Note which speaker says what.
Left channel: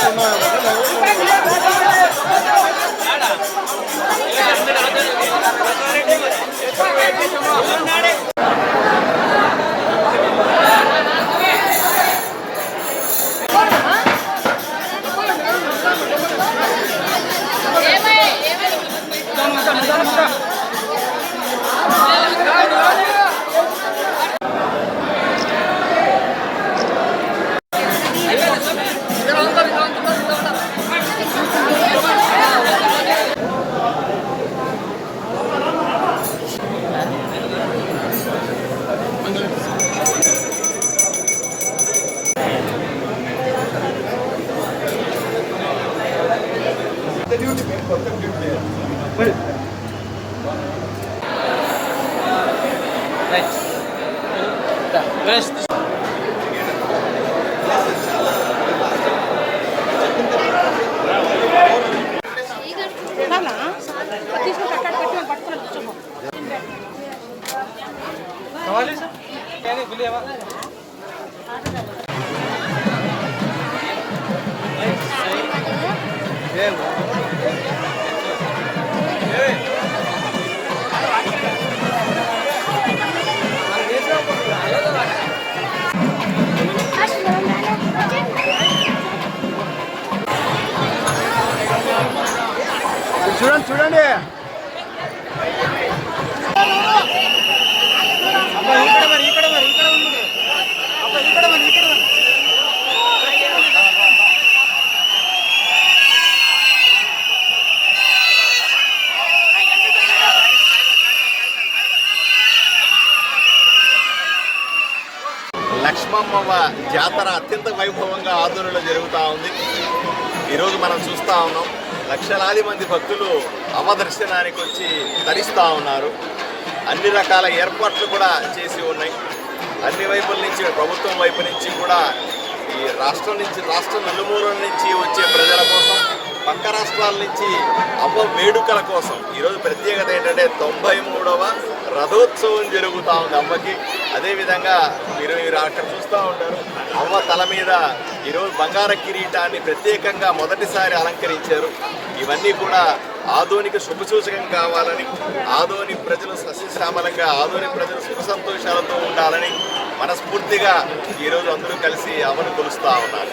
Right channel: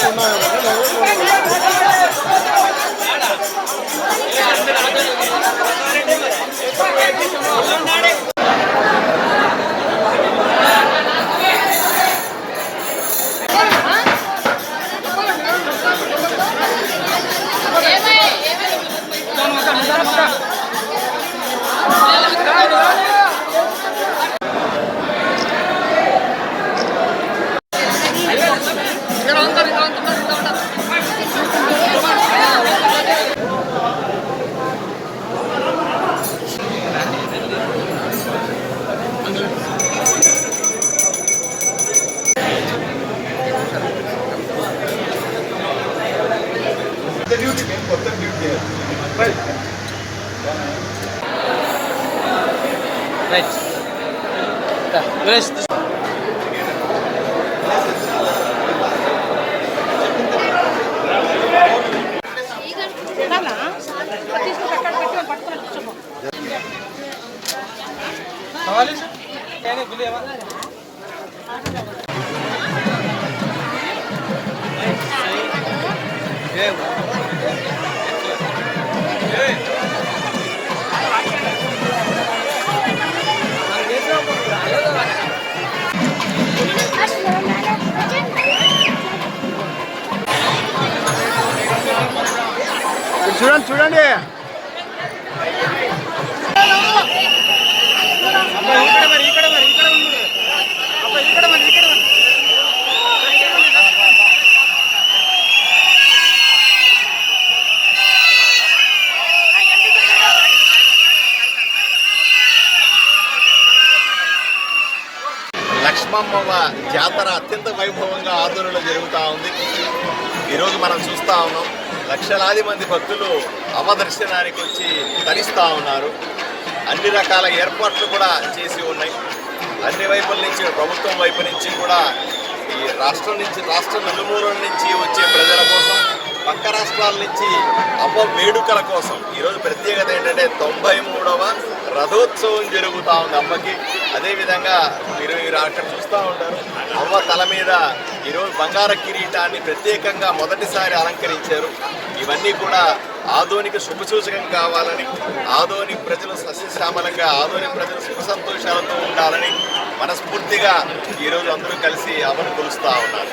Speaker 1: 정말 Olha, já. Quer ir, చూడండి చూడండి. ఇక్కడ మరి ఇక్కడ మరి ఇక్కడ ఉండు అబ్బా ఇక్కడ మరి ఇక్కడ మరి.
Speaker 2: లక్ష్మమ్మ జాతర అత్యంత వైభవంగా ఆదోళనలో జరుగుతూ ఉంది. ఈరోజు మనం చూస్తూ ఉన్నాం. లక్షలాది మంది భక్తులు అమ్మ దర్శనానికి వచ్చి తరిస్తూ ఉన్నారు. అన్ని రకాల ఏర్పాట్లు కూడా చేసి ఉన్నాయి. అన్ని వైపుల నుంచి ప్రభుత్వం వైపు నుంచి కూడా ఈ రాష్ట్రం నుంచి రాష్ట్రం నలుమూలల నుంచి వచ్చే ప్రజల కోసం పక్క రాష్ట్రాల నుంచి అమ్మ వేడుకల కోసం ఈరోజు ప్రత్యేకత ఏంటంటే తొంభై మూడవ రథోత్సవం జరుగుతూ ఉంది అమ్మకి. అదేవిధంగా మీరు మీరు అక్కడ చూస్తూ ఉంటారు. అమ్మ తల మీద ఈరోజు బంగార కిరీటాన్ని ప్రత్యేకంగా మొదటిసారి అలంకరించారు. ఇవన్నీ కూడా ఆధోనిక శుభసూచకం కావాలని ఆధోని ప్రజలు సస్యశ్యామలంగా ఆధోని ప్రజలు సుఖ సంతోషాలతో ఉండాలని మనస్ఫూర్తిగా ఈరోజు అందరూ కలిసి అమలు కొలుస్తూ ఉన్నారు.